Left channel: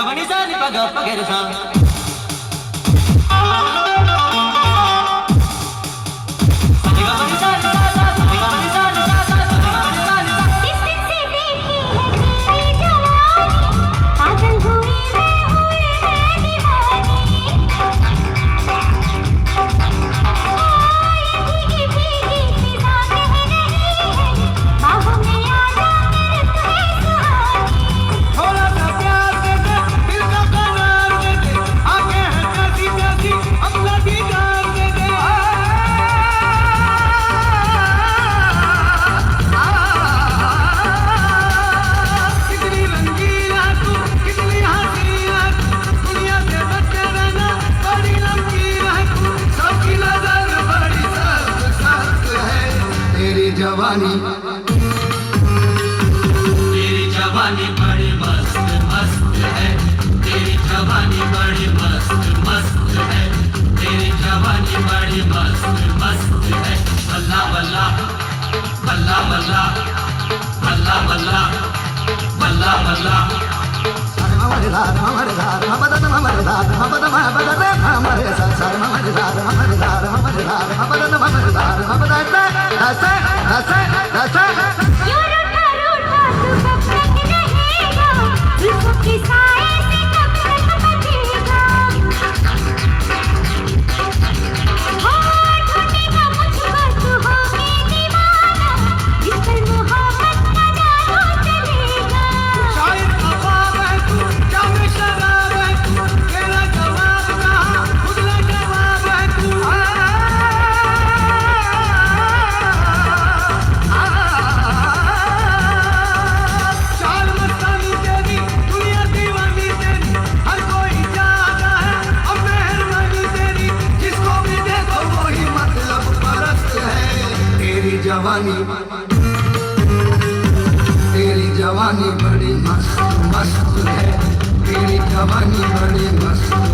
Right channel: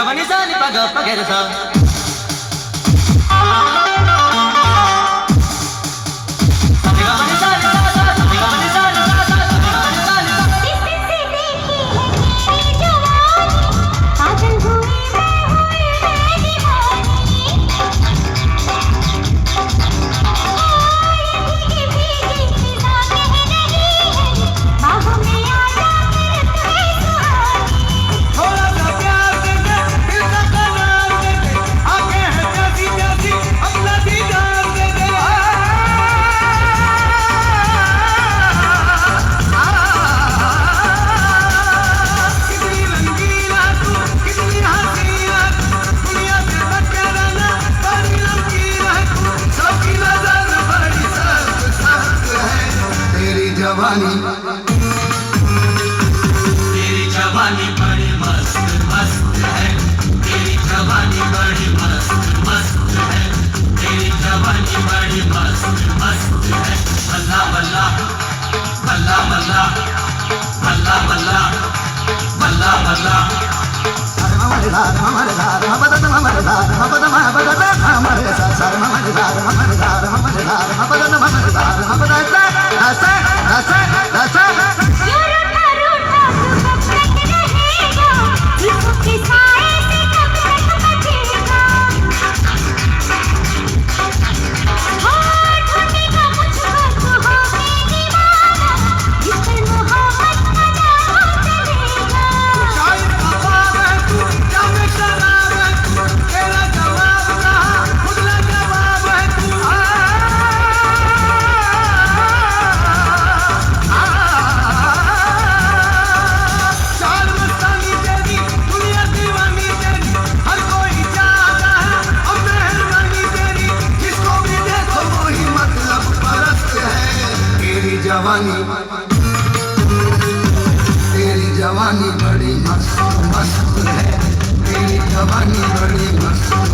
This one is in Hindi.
गवनी सा नि पग पगेर सा जवानी तेरी जवानी बड़ी मस्त मस्त है तेरी जवानी बड़ी मस्त मस्त है तेरी जवानी बड़ी मस्त मस्त है बल्ला बल्ला बल्ला बल्ला बल्ला बल्ला बल्ला बल्ला जवानी तेरी जवानी बड़ी मस्त मस्त है तेरी जवानी बड़ी मस्त